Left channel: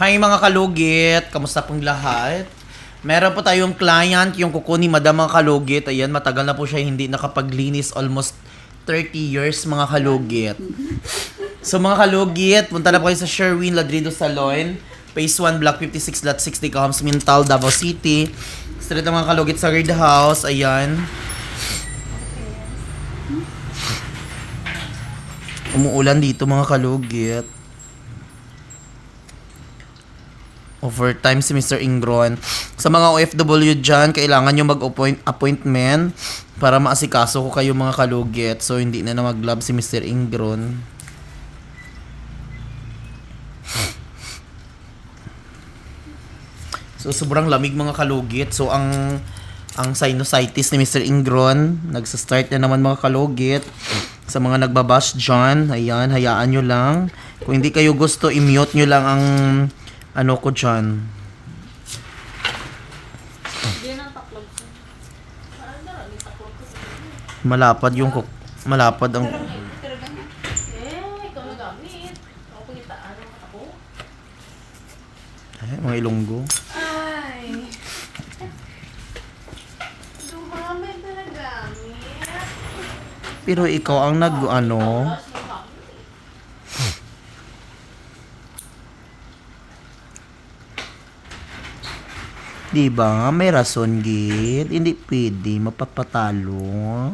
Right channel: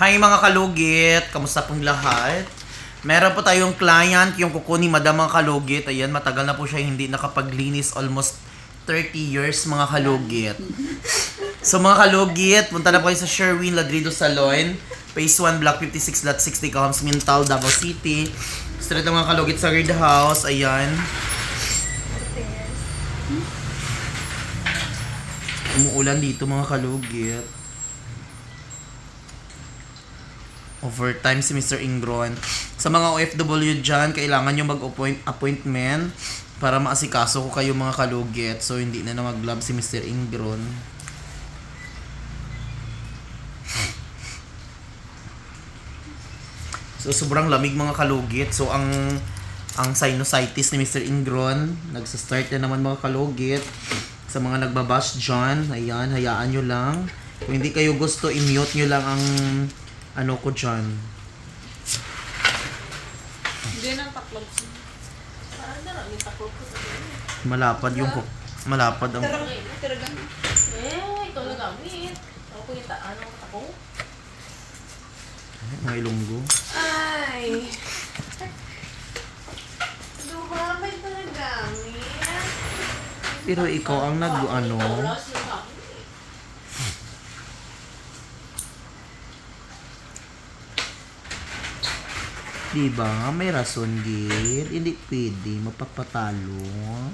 Hi mga kalugit, kamusta pong lahat? Meron po tayong client, yung kuko ni Madam mga kalugit. Ayan, matagal na po siya hindi nakapaglinis, almost 30 years mga kalugit. So mga kalugit, punta na po kayo sa Sherwin Ladrido Salon, Phase 1, Block 56.60, Cahoms Mintal, Davao City. Ng mga kalugit sa Red House, ayan. Umuulan dito mga kalugit. Overtime si Mr. Ingron. Sa mga OFW dyan, kailangan nyo mag-appointment para maasikaso ko kayo mga kalugit. So, hindi na na mag-love si Mr. Ingron. So, sobrang lamig mga kalugit. So, ang ang sinusitis ni Mr. Ingron, nagsa-start na naman mga kalugit. Sa mga nagbabash dyan, ayan, hayaan nyo lang. Kung hindi kayo gusto, i-mute nyo lang ang ano ko dyan. Malapad yung cook. Malapad ang... Eh. Ako kita, ano? Eh, mga ilonggo. Ay. Dumamay nagamit. Pero ikaw ang nag ano... Di ba? May rason gid. Hindi pwede mapapatalo.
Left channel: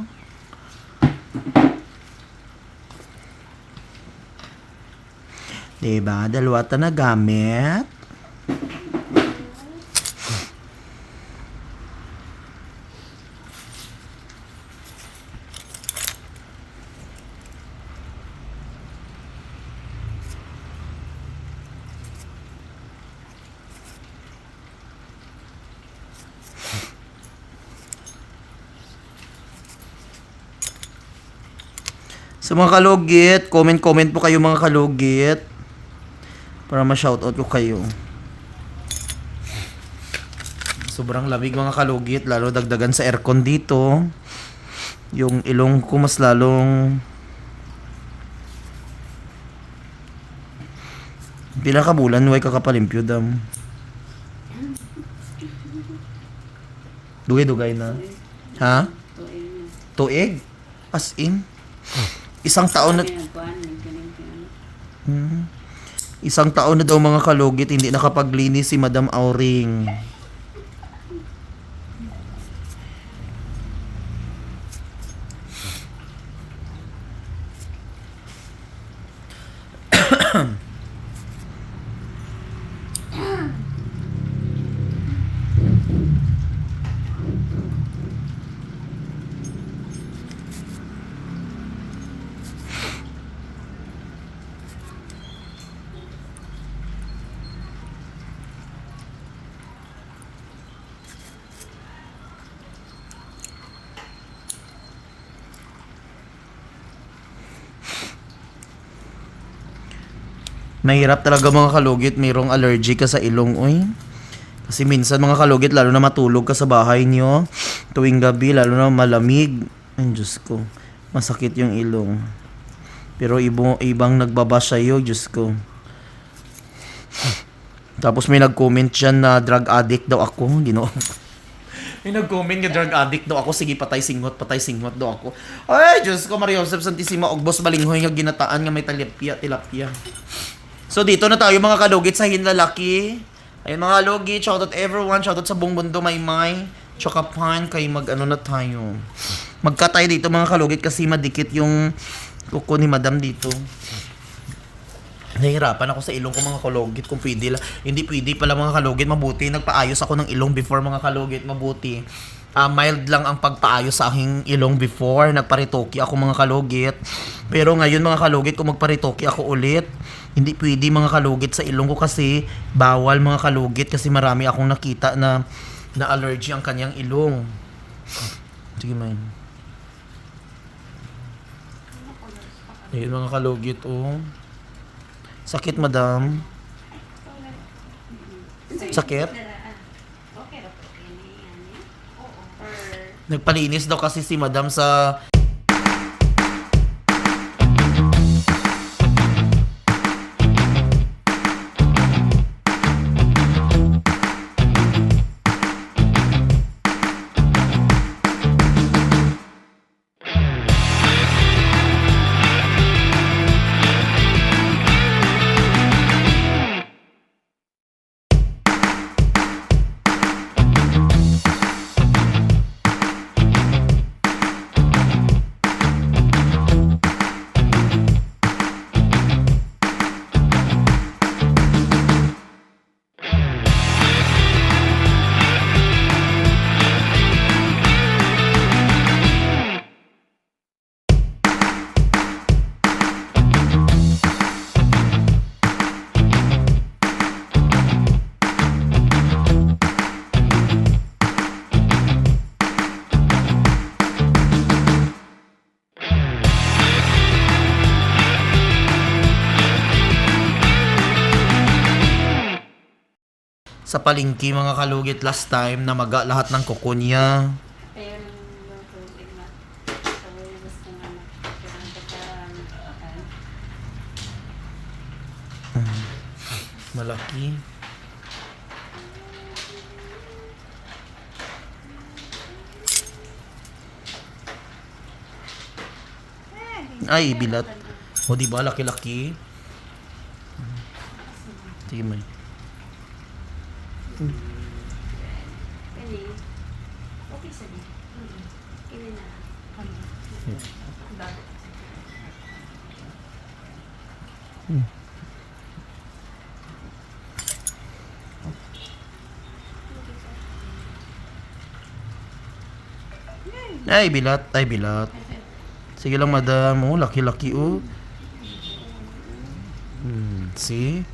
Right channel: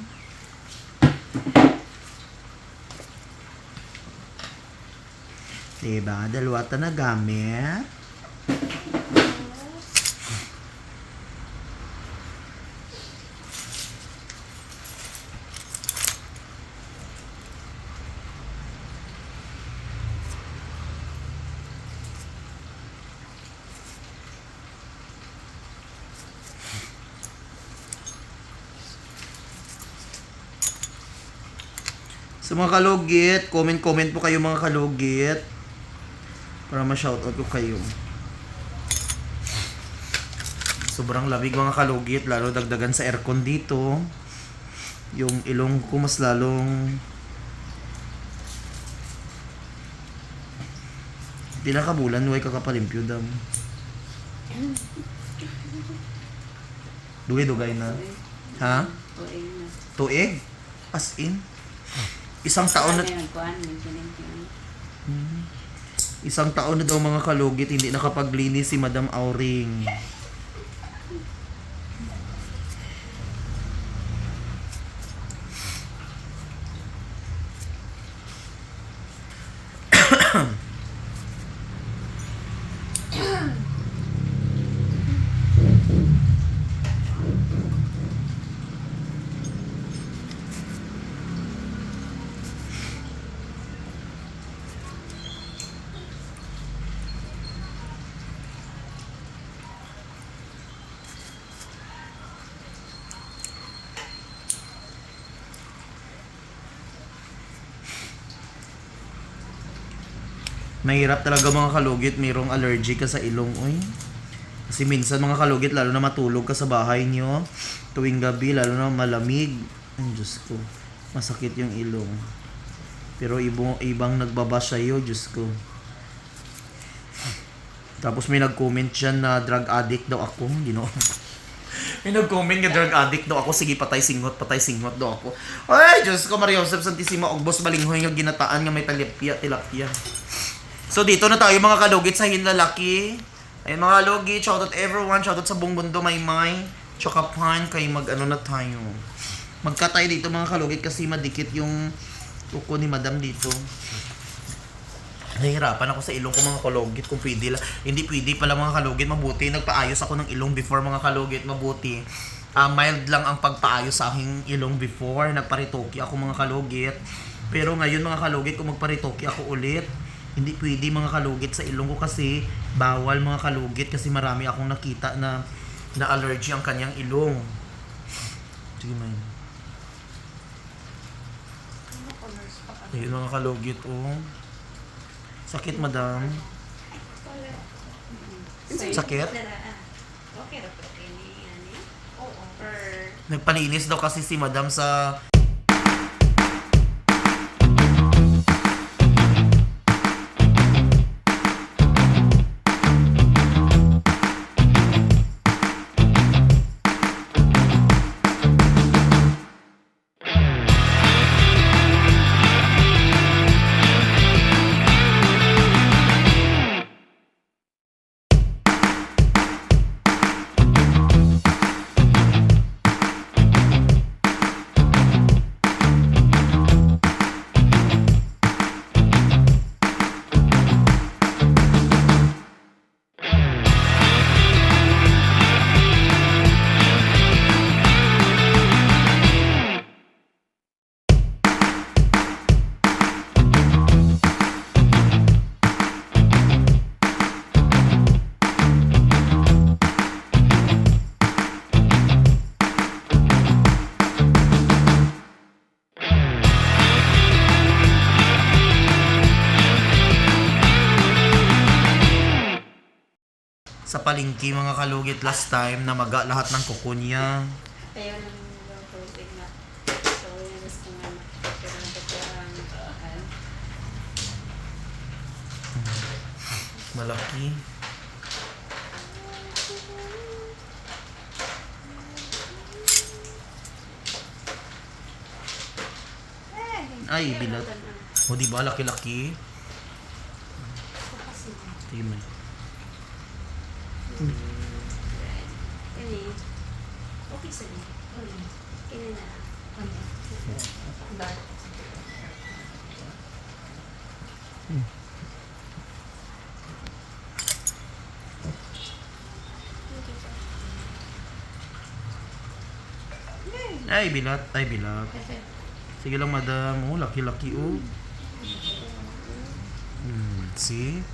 Di ba? Dalawa ta na gamit. Sa mga kalugit, comment-comment po kayo mga kalugit. Para ma-shoutout ko kayo. Sobrang lamig mga kalugit, lalo dagdagan sa aircon dito. Yung ilong ko mas lalong Pila ka bulan, way kakapalimpyo dam. Dugay-dugay na. Ha? Tuig? As in? Isang taon na... Hmm. Isang taon na daw mga kalugit, hindi nakapaglinis si Madam Auring. Mahirap talaga mga kalugit, mayroong allergy ka sa ilong, oy. Kasi minsan mga kalugit, lalo na matulog ka sa bahay nyo, tuwing gabi, lalo na malamig. Ay, Diyos ko, masakit yung ilong. Pero ibo, ibang nagbaba sa'yo, Diyos ko. Tapos may nag-comment dyan na drug addict daw ako, ginoo. May nag-comment nga drug addict daw ako, sige patay singot, patay singot daw ako. Ay, Diyos ko, Maria Joseph Santissima, Ogbos Balinghoy nga ginataan nga may tilapia, tilapia. So dito na tayo mga kalugit sa hinlalaki. Ayun mga kalugit, shoutout everyone, shoutout sa buong mundo, may may. Choka pan, kay mag ano na tayo. Magka tayo dito mga kalugit kasi madikit yung kuko ni madam dito. Nahihirapan ako sa ilong ko mga kalugit kung pwede lang. Hindi pwede pala mga kalugit, mabuti. Nagpaayos ako ng ilong before mga kalugit, mabuti. Ah, mild lang ang pagpaayos sa aking ilong before. Nagparitoki ako mga kalugit. Pero ngayon mga kalugit, kung magparitoki ako ulit, hindi pwede mga kalugit sa ilong ko kasi bawal mga kalugit kasi marami akong nakita na na allergy ang kanyang ilong. Sige man. Ayun mga kalugit oh. Sakit madam. Sakit? Nagpalinis daw kasi si madam sa sa palingki mga kalugit last time na maga lahat ng kuko niya. Kaya nung yung tubig na. So, yung gusto nga parang, ano, Malaki. Ay, bilat. O, di ba? Laki-laki. Sige man. Kani. Okay sa niya. Kani na. Ay, bilat. Ay, bilat. Sige lang, madam. Oh, laki-laki, oh. Hmm, see?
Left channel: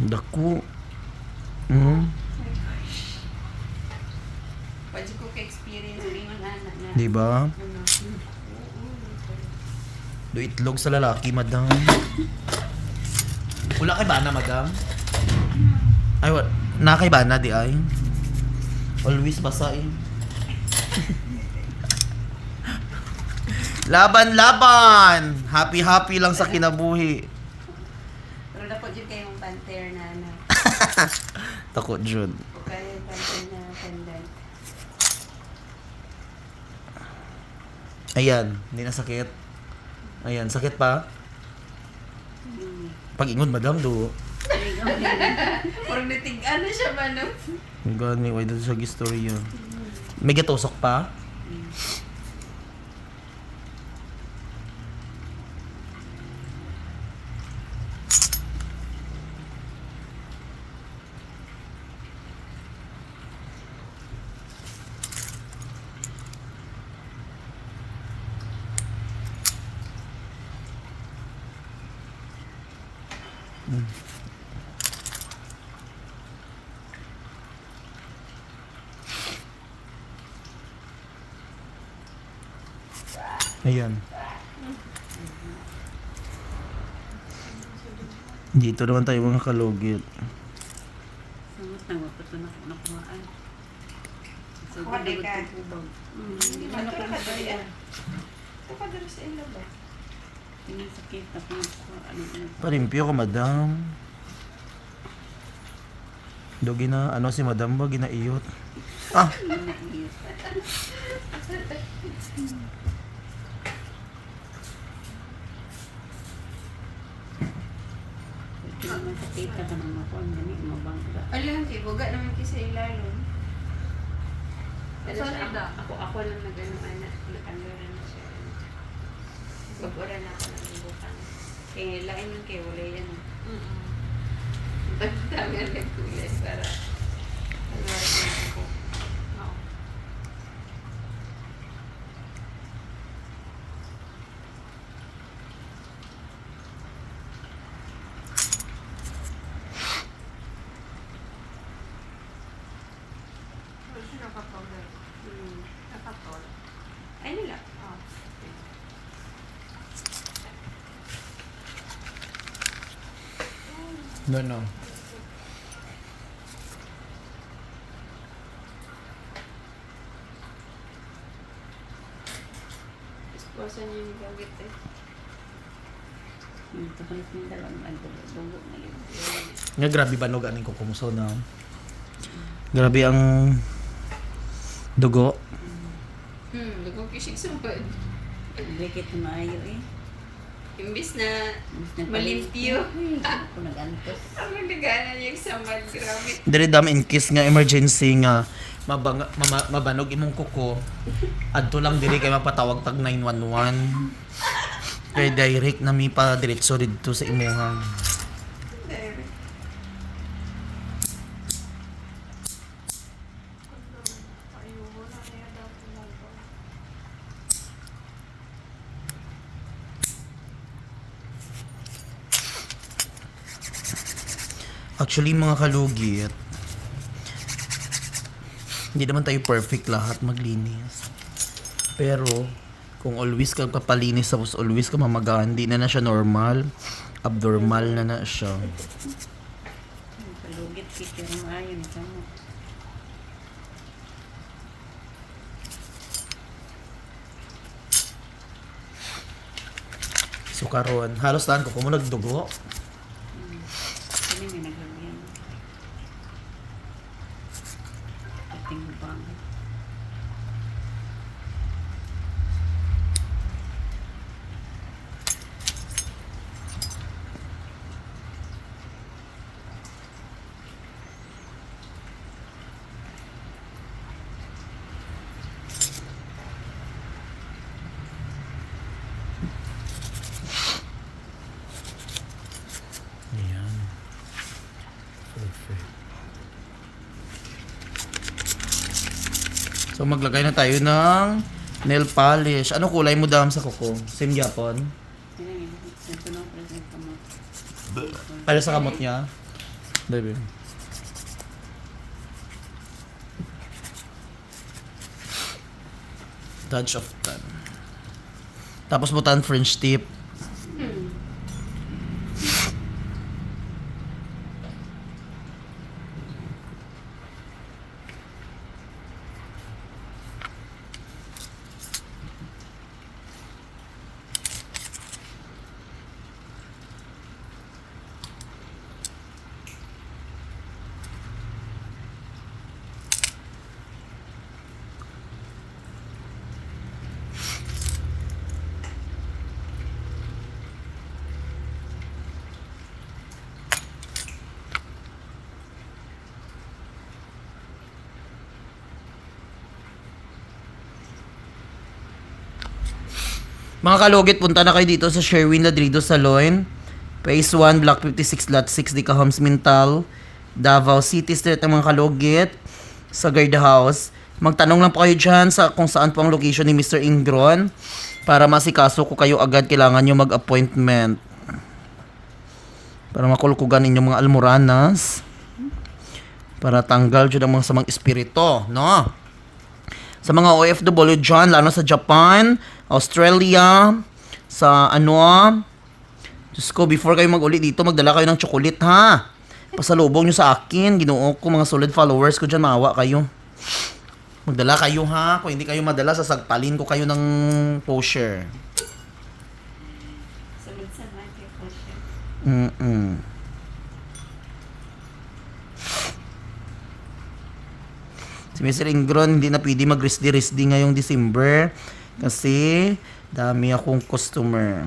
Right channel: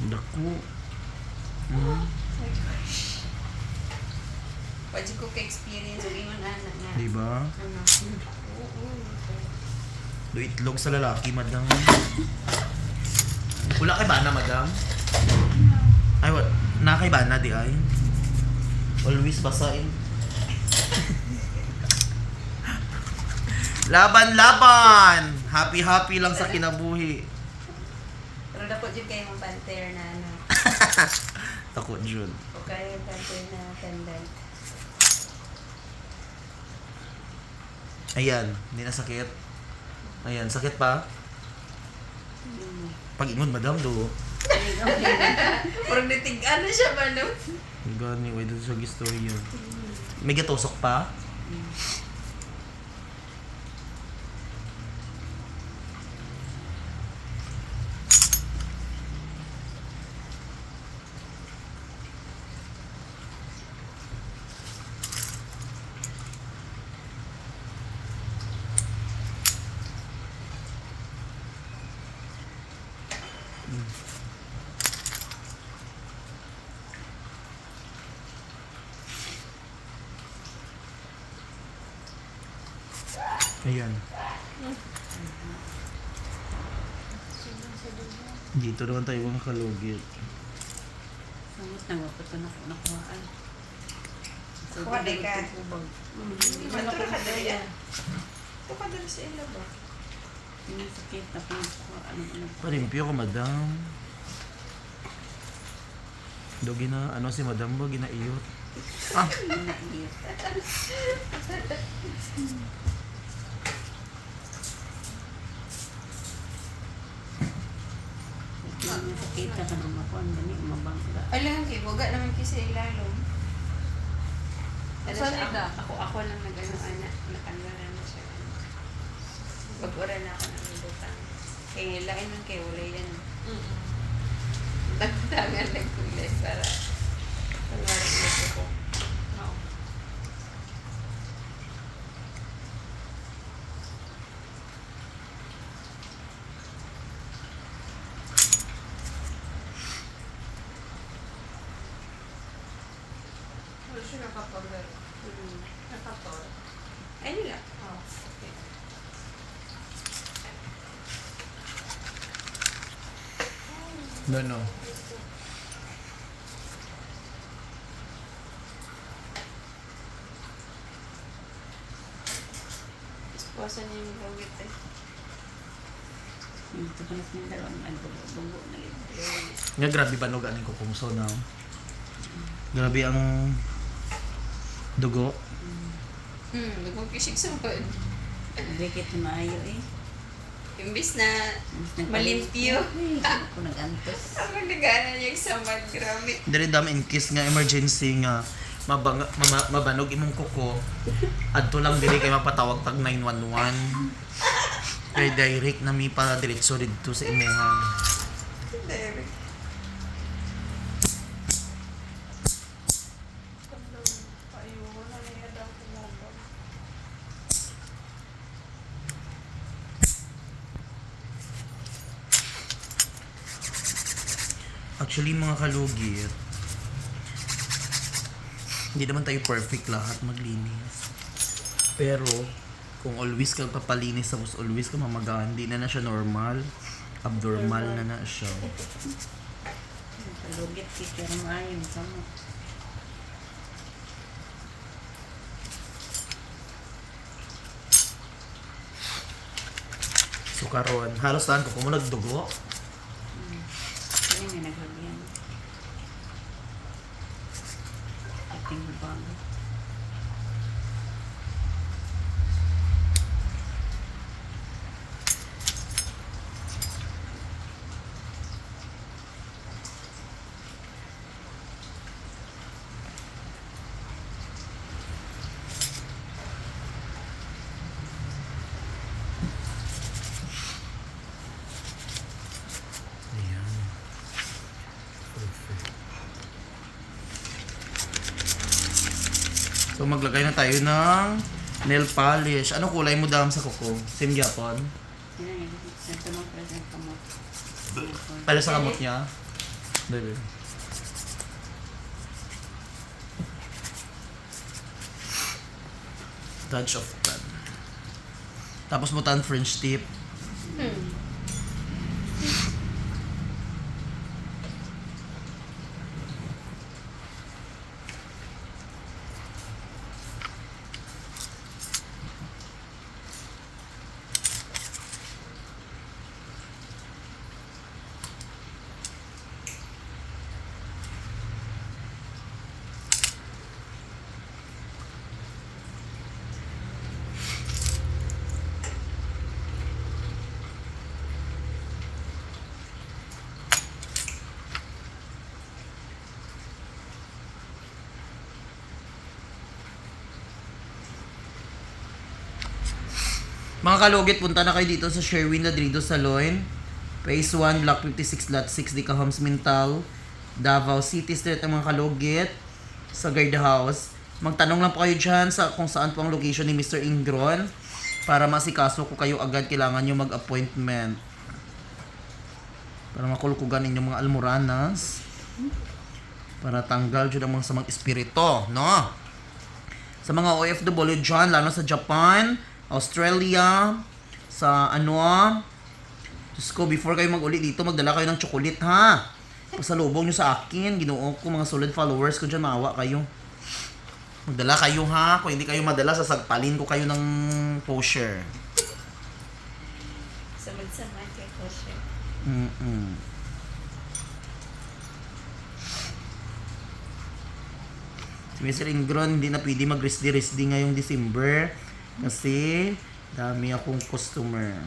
Dako. Hmm, Pwede ko ka-experience yung ingon anak niya. di ba? Do itlog sa lalaki, madam. Wala kay bana, madam? Ay, wa- na kay bana, di ay? Always basain. laban, laban! Happy, happy lang sa kinabuhi. Yun kayo mong panther na ano. Takot, Jun. O kaya yung panther na pendant. Ayan, hindi na sakit. Ayan, sakit pa? Hmm. Pag-ingon, madam, do. Pero nitig ano siya ba no? Ang gani, why doon sa story yun? May gatusok pa? Ayan. Dito naman tayo mga kalugit. Samot na wapot ko na nakuhaan. So, Kuha di ka. Ano ko na kaya? Ito ka dala sa ilo ba? Sakit na pinagkuhaan. Ano. Parimpyo ko, madam. Do gina, ano si madam ba, ginaiyot? Ah, Naiiyot. Sakit ka ng makuhaan. Gani, mabangga. Alam, di buga naman kasi ilalong. Pero Saan siya, ako, ako lang nag-ano, anak, nag-ano na siya. Pag-ura na ako ng butang. Kaya lain man kayo, wala yan. Tangan nagkulas para para mag ko. Hmm. Ay, nila. No, no. Esposa niya yung gawit eh. Yung tukulis ng dalawang ano, dugo na yun. Nga grabe ba no ganing ko kumso na. Grabe ang dugo. Hmm, lubog kisig sumod. Bikit na maayo eh. Imbis na. Uy, ako nag-antos. ang nagdagana niya yung samad. Grabe. Dire dam in case nga emergency nga mabang, mama, mabanog imong kuko adto lang diri kay mapatawag tag 911 kay direct na mi pa diretso dito sa imuha Actually mga kalugit hindi naman tayo perfect lahat maglinis. Pero, kung always kang papalinis tapos always ka mamagaan, hindi na na siya normal. Abnormal na na siya. Palugit kita yung maayon ka mo. So karon, halos tahan ko kung nagdugo. In 我 So maglagay na tayo ng nail polish. Ano kulay mo dam sa kuko? Same yun? Ito nang present ka mo. Para sa kamot niya? Baby. Touch of tan. Tapos mo tan French tip. Hmm. Mga kalugit, punta na kayo dito sa Sherwin Ladrido Salon. Phase 1, Block 56, Lot 6, Dica Homes, Mintal, Davao City Street ang mga kalugit sa guard house. Magtanong lang po kayo dyan sa kung saan po ang location ni Mr. Ingron para masikaso ko kayo agad kailangan nyo mag-appointment. Para makulkugan inyong mga almoranas. Para tanggal dyan ang mga samang espirito, no? sa mga OFW dyan, lalo sa Japan, Australia, sa ano, Diyos ko, before kayo mag-uli dito, magdala kayo ng chocolate, ha? Pasalubong nyo sa akin, ginoo ko, mga solid followers ko dyan, maawa kayo. Magdala kayo, ha? Kung hindi kayo madala, sasagpalin ko kayo ng posher. Sunod sa mga ko siya. Mm-mm. Si Mr. Ingron, hindi na pwede mag-risdi-risdi ngayong December kasi dami akong customer.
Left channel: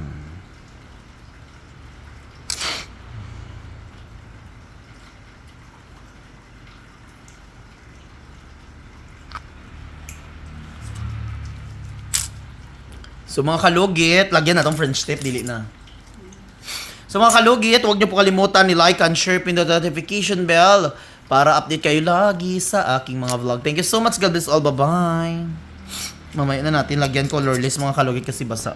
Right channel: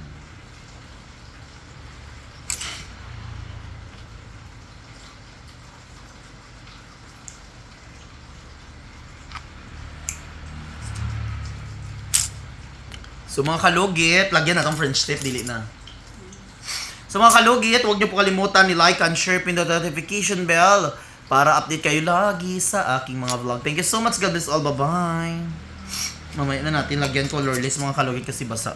So mga kalugit, lagyan na tong French tip, dili na. So mga kalugit, huwag niyo po kalimutan ni like and share pin the notification bell para update kayo lagi sa aking mga vlog. Thank you so much. God bless all. Bye-bye. Mamaya na natin lagyan colorless mga kalugit kasi basa.